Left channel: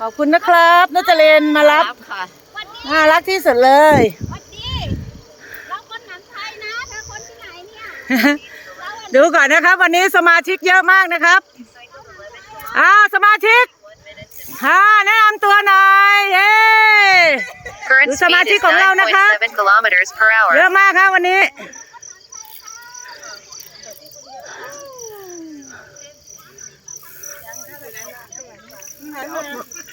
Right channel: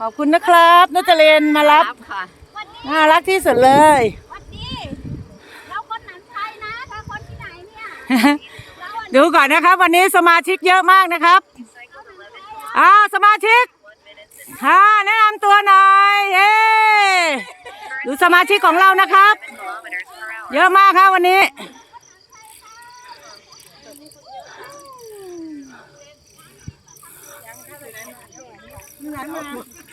ขอบคุณนะครับนัจเรนมารับค่ะน่ารักที่สุดเลย วัดดีเราคนหนันไทยนะถ้าคนที่ไหนเนี่ยเราอะดูก่อนนะครับ วันนี้สมาชิกเยอะมากนะครับอ่าสมาชิกฮ่าแนะนำตัวหน่อยเย้ Current ดูสมาชิกของเรานะครับ7 kilometers per เย hour. อะมากครับวันนี้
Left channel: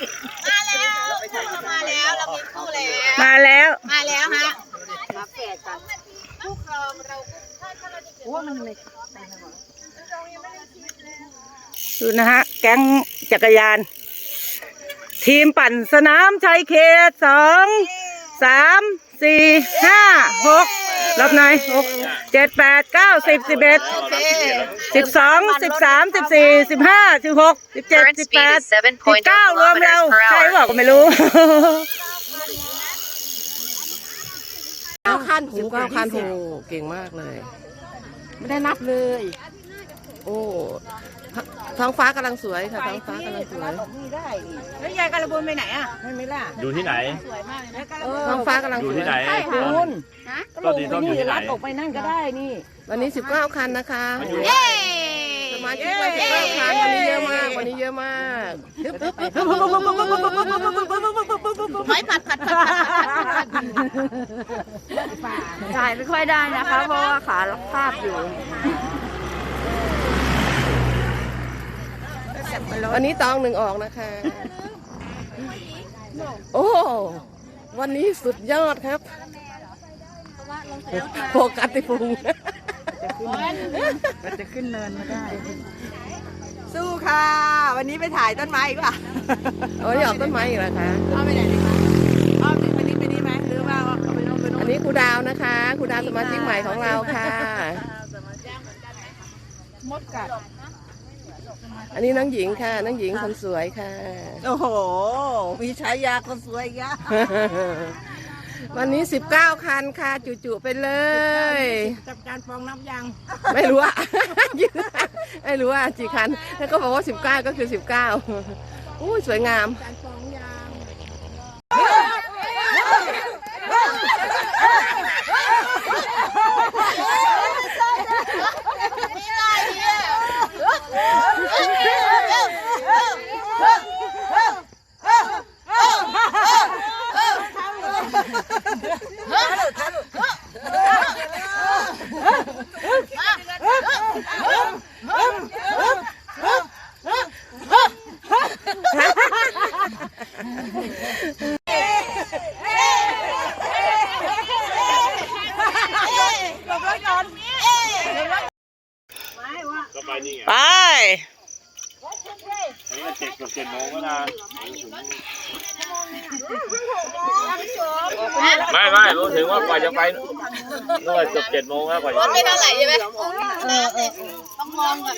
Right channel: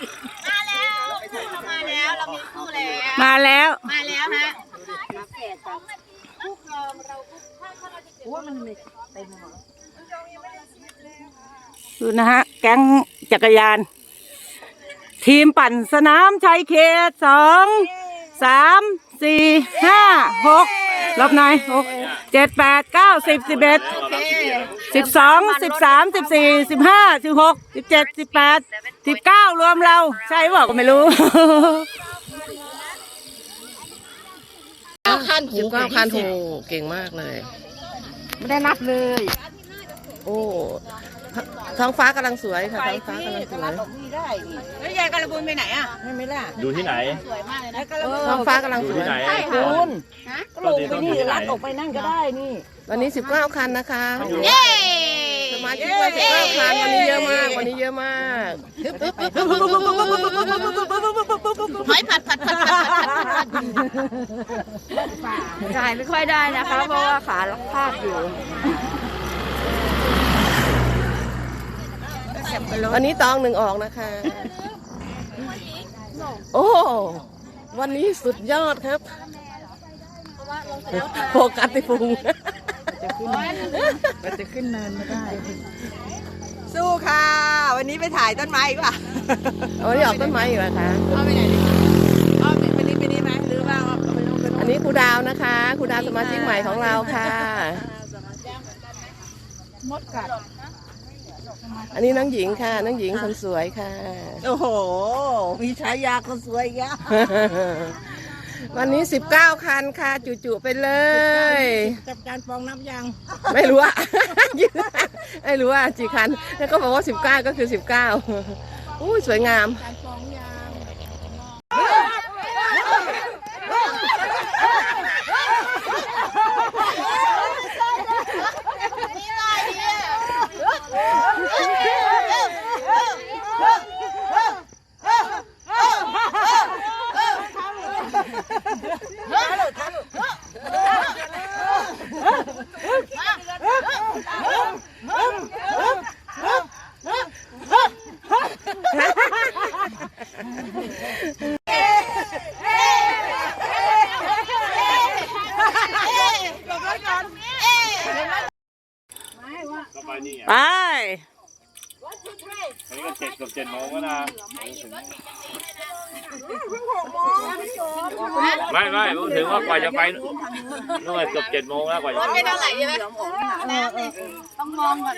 มาแล้วเรามาแล้ว เรามีคู่แล้ว มาแล้ว มาแล้วฮะดูนะฮะ แก๊งจักรยาน ทีมปั่นสนามชัยเขตสองสาม สี่ห้าหกรอบไหนหกเจ็ดแปดเก้าสิบสิบเอ็ดสิบสองสิบสามสิบสี่สิบห้าสิบหกสิบเจ็ด Current สิบ speed แปด is สิบ7.0เก้ารวมเรา kilometers per ใช่ hour. เปล่าก็ไม่รู้คันสิบเก้าคันโหเก่งมากเลย ไม่ได้นับเลย โอ้ ท้องฟ้ากำลังสวยค่ะท้องฟ้ากำลังสวยแล้วยายการะบูนไปไหนอะใช่ไหมล่ะดูที่ไหน สวยมากเลยนะการะบูนท้องฟ้ากำลังดูสวที่ยไหนคุณก็ลงไปนี่รัดออกไปนั่นก็ได้นี่ วันนี้สิบเก้าคันนะคะเย้สมาชิกมาสิบเก้าคันวันนี้เยอะมาก วันนี้เยอะมากหอยผัดผัดผัดผัดผัดถ่ายไม่ค่อยได้นะคะ เพราะว่าขาล็อกภาพอยู่ วันนี้ตองหนึ่งออกนะคะ โอ้ วันนี้สุดยอดครับโฟกัสที่พุงมันจะขึ้นเนินไม่ได้ สู้ค่ะ วันนี้ไปถ่ายต้นไม้อีกป่ะโอ้ยออกต้นไม้อยู่นะคะเอาไปไหนดีคะเอาไปวันนี้ไปนี่ไหมหรือว่าเอาไปนู่นไปนู่นอันนี้ครูดาวนะคะครูดาวสมาชิกใหม่ของเราค่ะ อันนี้น้องหญิงค่ะ น้องหญิงคนสวยค่ะ โอ้โห มีฉายาคนสวยอีกแล้ววันนี้ 19 คันค่ะจุๆไปเลยจับการฟองน้ำยางไม่รู้ว่าไม่รู้ว่ากี่คัน แล้วก็บอกว่า 19 ก็คือ 19อู้ยสวยงาม การฟองยาง ก็ไปนี่ไง ไป อันนี้ก็ เจ็ดเกือบเจ็ดโมงแล้วนะไม่ไม่ผมถึงว่ากว่าจะไปนู่นเกือบเจ็ดโมงแล้วกว่าจะไม่เท่าไหร่ใช่ไหมต้องมองก่อน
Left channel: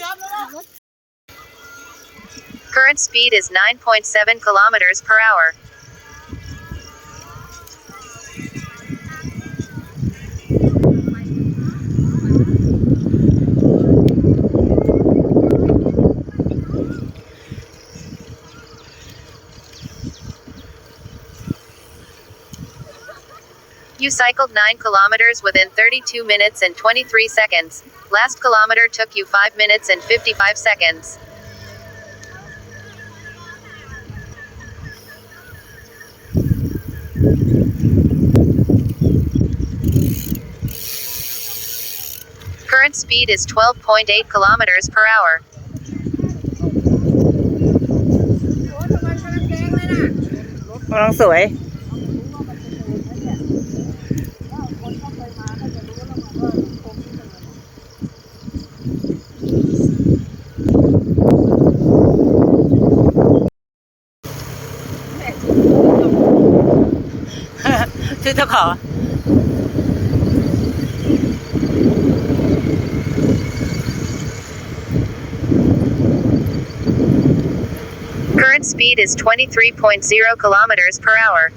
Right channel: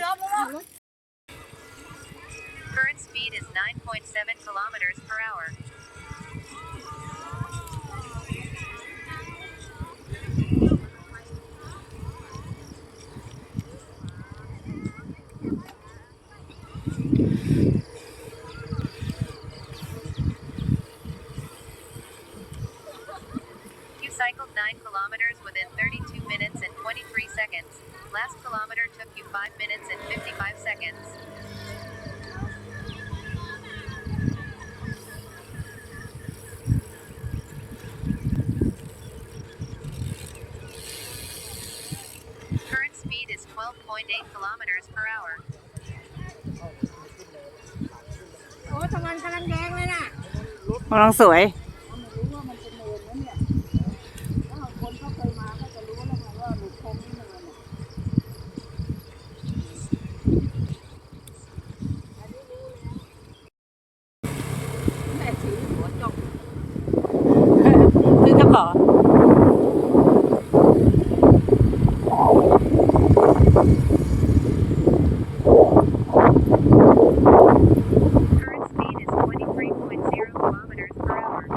Current speed is 9.7 kilometers per hour. You cycled 9 kilometers within 32 minutes and 23 seconds. Last kilometer took you 5 minutes and 55 seconds. Current speed is 12.8 kilometers per hour. กำลังสวย is 23.0 kilometers per hour.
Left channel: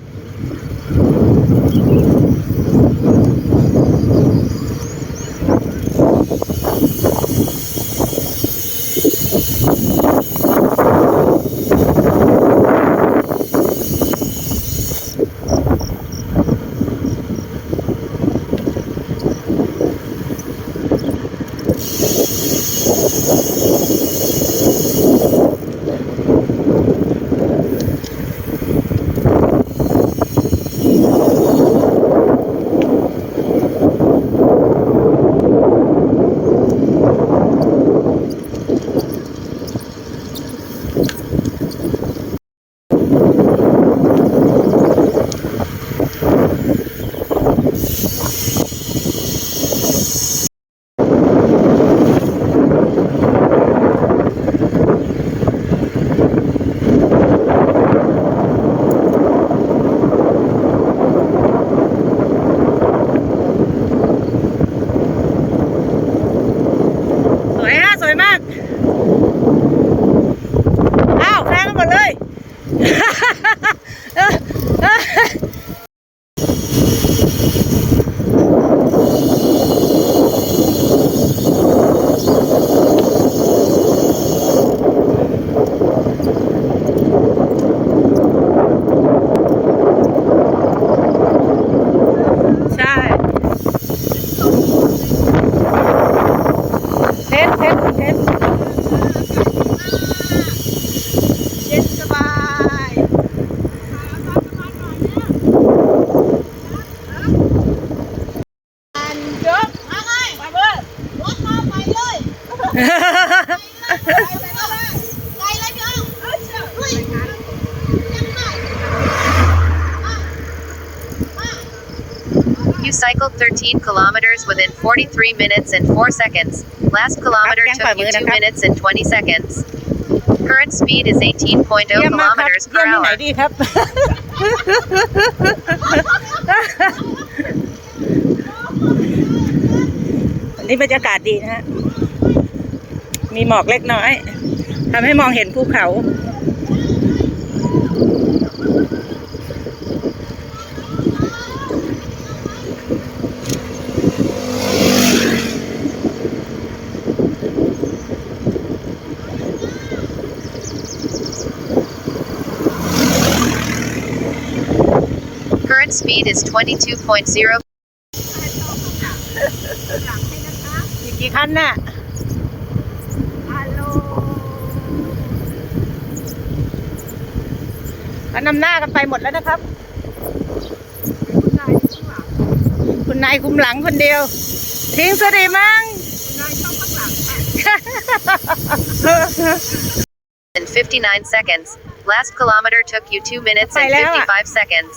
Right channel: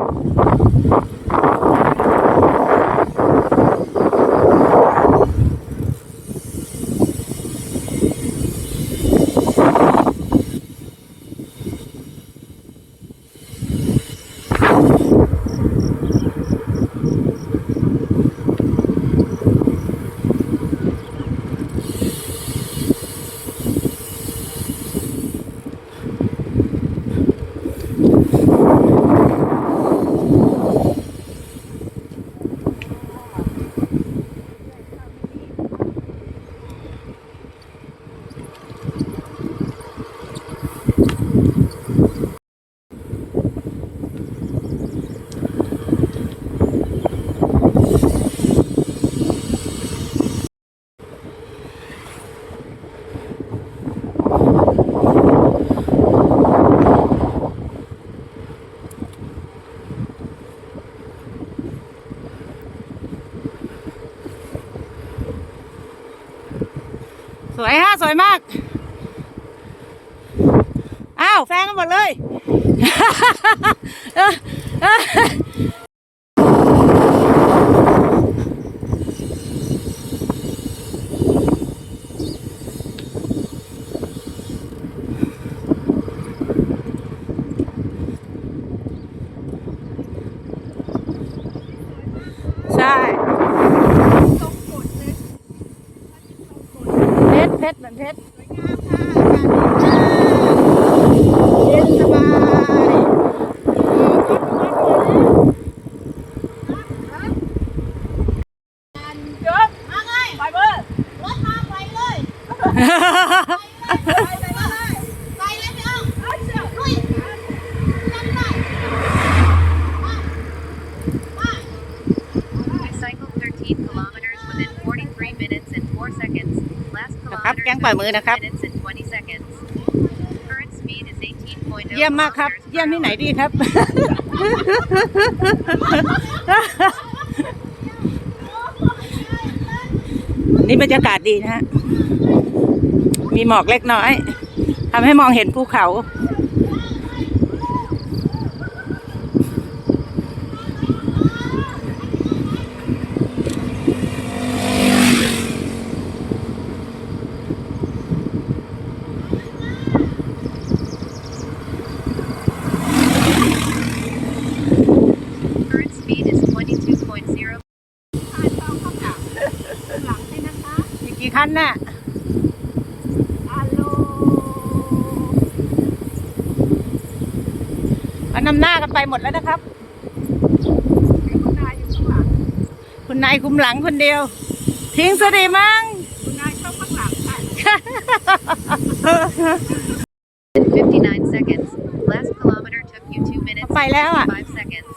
ยมาก อ้าวแฟงกันหมดเลย เพชรเพชรเพชรเย็นสบายจบมาไงไปเบอร์รถมาไปเลยไปเลยไปเลยพี่อ้อลุยยังไง You cycled 13 kilometers within 43 minutes and 4 seconds. Last kilometer Up, took you yan, 2 up. minutes and 20 seconds. Current speed is 18.0เยี่ยมมากครับ kilometers เยี่ย per มที่ไหน hour. ดีครับนี่บรรยากาศดีนะฮะ มีหมอกเล็กน้อยทำให้มองเห็นภูเขา speed is 22.0กี่คันน่ะฮัลโหลก็นำหน้ากันไปหมดแล้วนะครับ คุณนายอยู่ข้างหลังคุณนายคุมหลังคนเดียว ทิ้งสดีมั้ง คุณนายชอบข้างหลังค่ะ in 59 seconds. Last kilometer took you 2 minutes and ไปแล้วอะ55 seconds.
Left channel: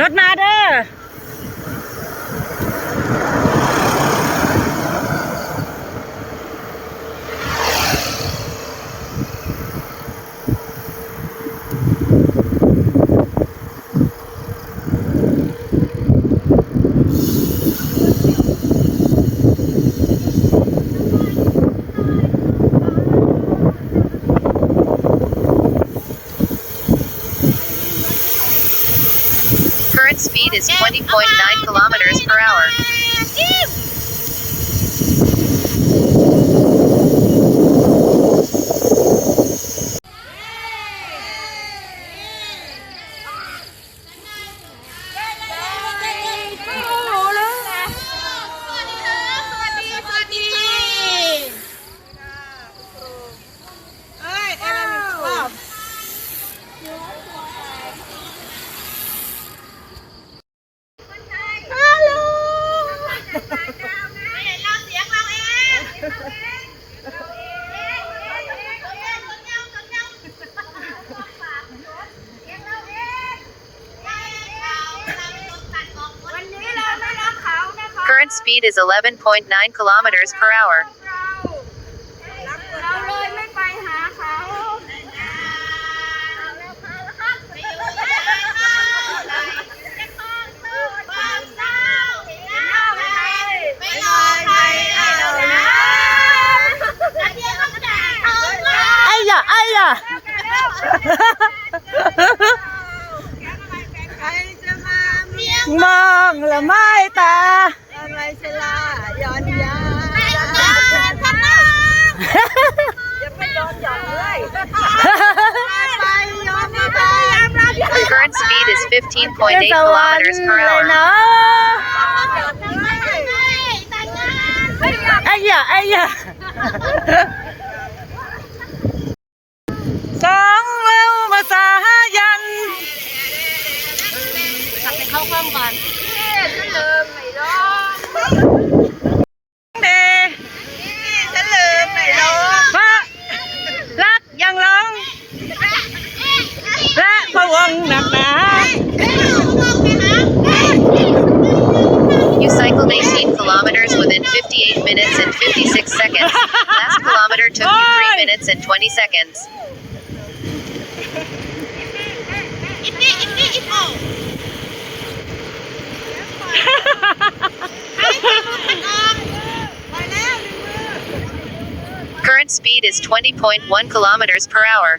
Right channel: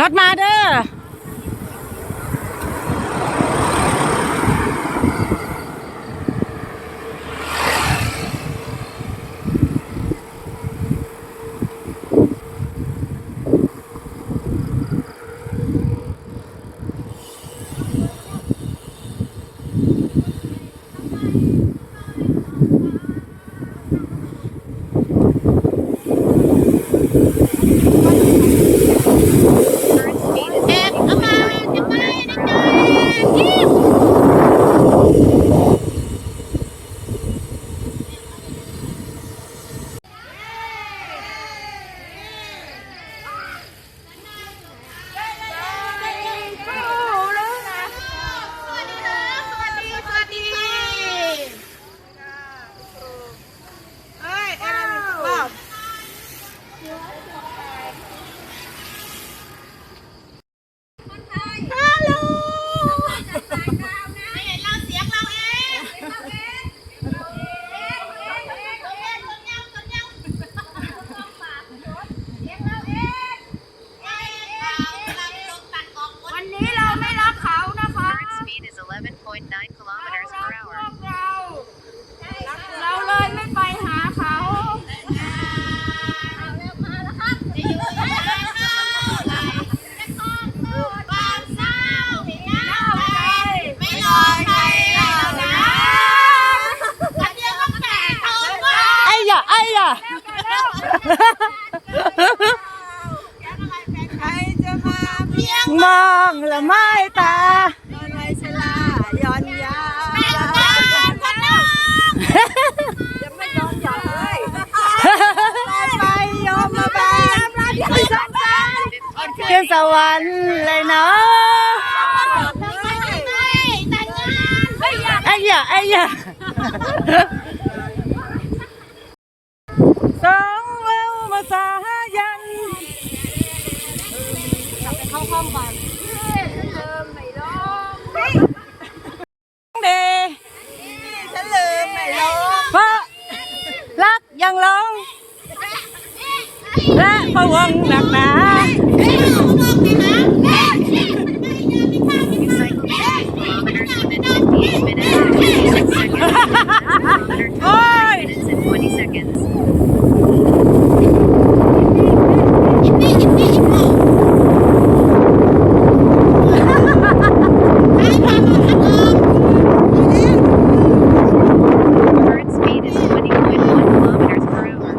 รถมาเด้อ is 11.9 kilometers per hour. Speed is เท15.8ศวรรค์ kilometers per เลย hour. เนาะแต่งงานไม่อยากไอ้ยะไอ้ยะสองเร็วมาสายันเข้าห้องก่อนฉันลืมไม่ร้องเดฉันลืมไม่ร้องเพราะรักยังร้องและพะวงหนักหนา You cycled 18 kilometers within 58 minutes and 56 seconds. last kilometer took you 3 minutes and 20 seconds. Current speed is 20.1 kilometers per hour.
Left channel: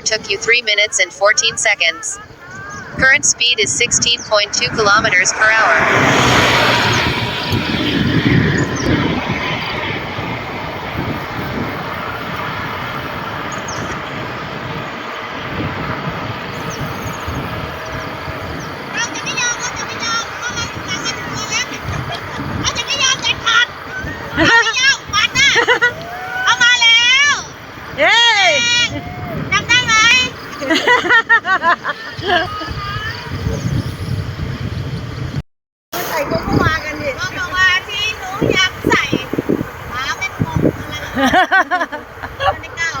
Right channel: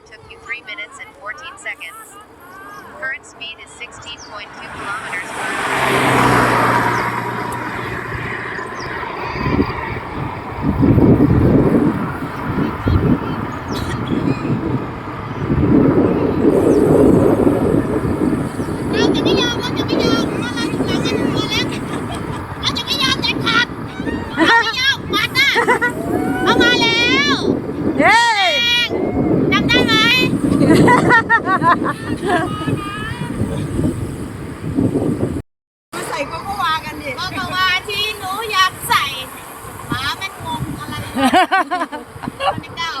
Took you 3 minutes and 14 seconds. Current speed is 16.2 kilometers per hour.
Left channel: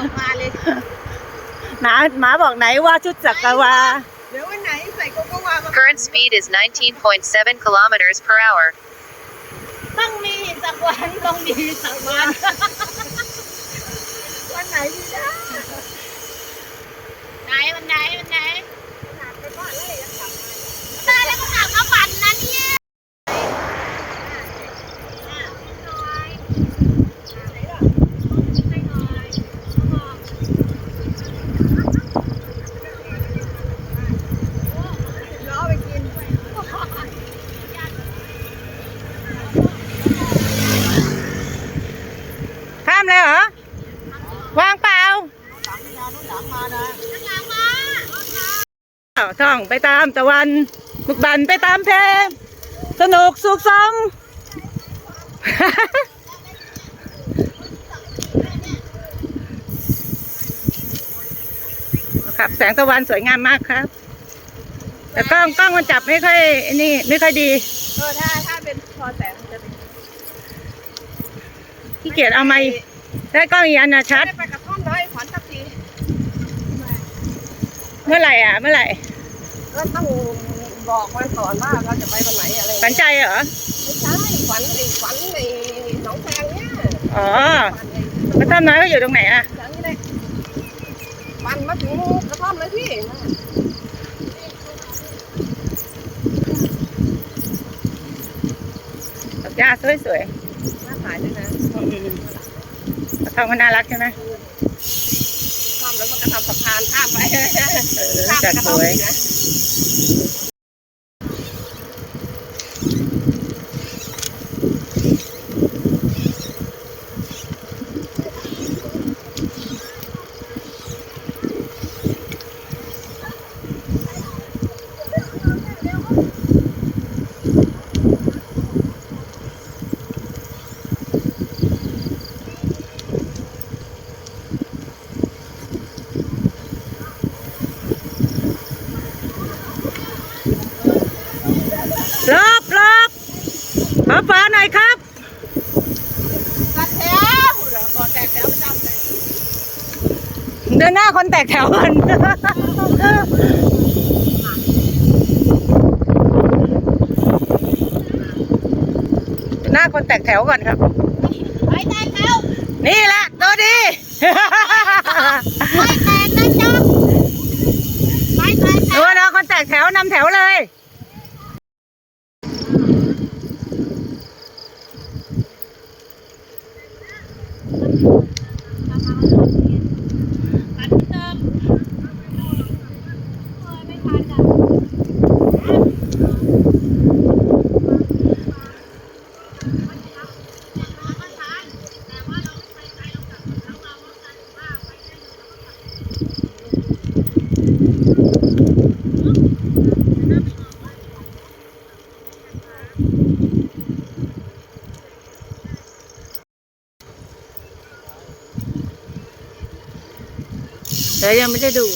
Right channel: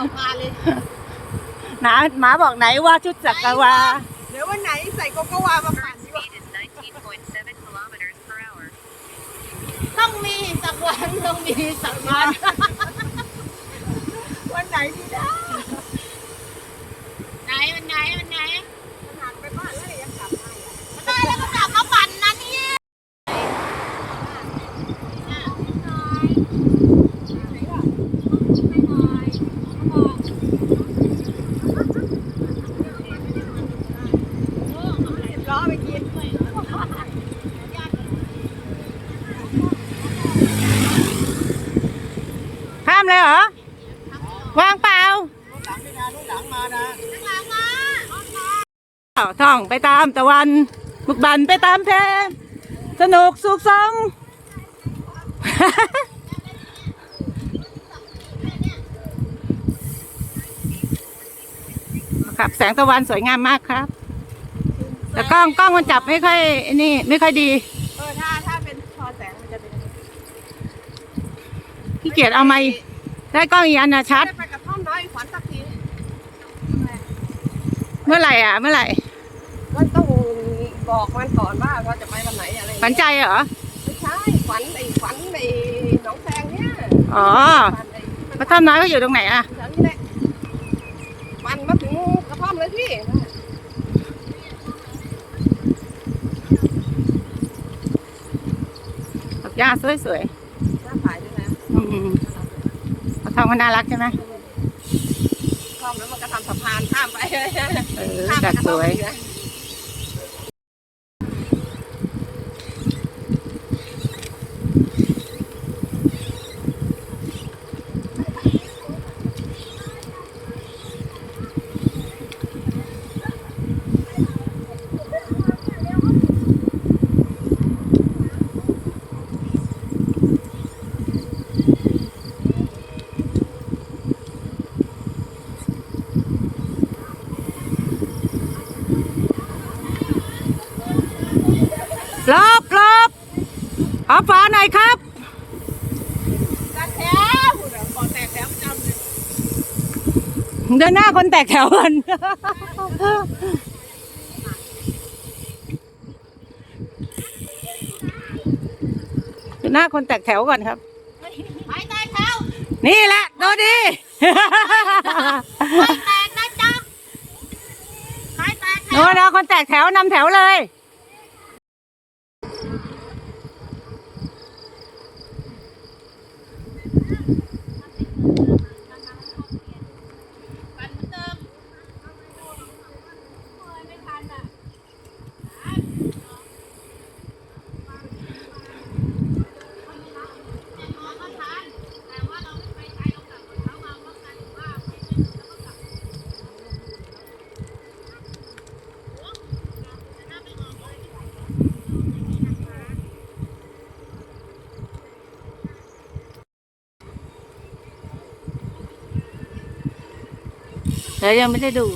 ม่กล้าออกมาเลยหนาหมาบอกไหนว่าชุดจักรวาลเดี๋ยววันไหนใส่โกโกวามา Current speed is 19.7 kilometers per hour. ต้องมีสักวันต้องมีสักวัน วันไหนดีนะไหนวันไหนวันไหนหนักไปบ้านแล้วยังกลับมาได้แล้วก็กลับมาฝันนะเนี่ยล้อไปกิน ข้ามเลยเหรอ วางเปล่าอ้าว ท่องไปตามตะวันบุกบันไปตามเพลงสนุกสุขสมครับแสงตะวันสวยงามมากครับ แต่กล้องกล้องมันจับไม่ค่อยไอ้นี่ ไม่ค่อยดีเออถ้าถ้าเป็นพอแสงมันจะเป็นขี้เกียจเอาไม่ได้กล้องอีกอันนะชัดได้ไปกระท่อมน้อยขวัญสักทีเมื่อไหร่อะ เมื่อไหร่ ก็ต้องบอกมันก่อนว่าเราจะไปวันไหนอะไรอย่างฝันเงี้ยใจเหรอ ไม่ใช่ขวัญไอ้ขวัญไอ้หนองแซงเนี่ยอ๋อปั่นไอ้กระท่อมน้อยก็อยู่ตรงไหนอะ แถวนี้แหละปั่นมาถึงกระท่อมเลยพี่ดอกหญ้าสวยน่าขายด้วยนะๆอืมกระท่อมมันน่ารักใช่ไหมท่อมแล้วมันก็ทำสะพานข้ามไปเออข้ามไปจัดกระสท่อมวย อีกนะ ร หน่อยครับตัดแถวเหรอขอแตกแถวประจำเลยเดินหน้าคนแตกแถวกันหน้าคนแตกแถวก่อนครับไปแตกแถวนี่แหละตัวดีไปแตกนะจ๊ะไปแตกแถโน่วนนะคนแตกแถวนำแถวเลย แต่ยังไม่ได้ดู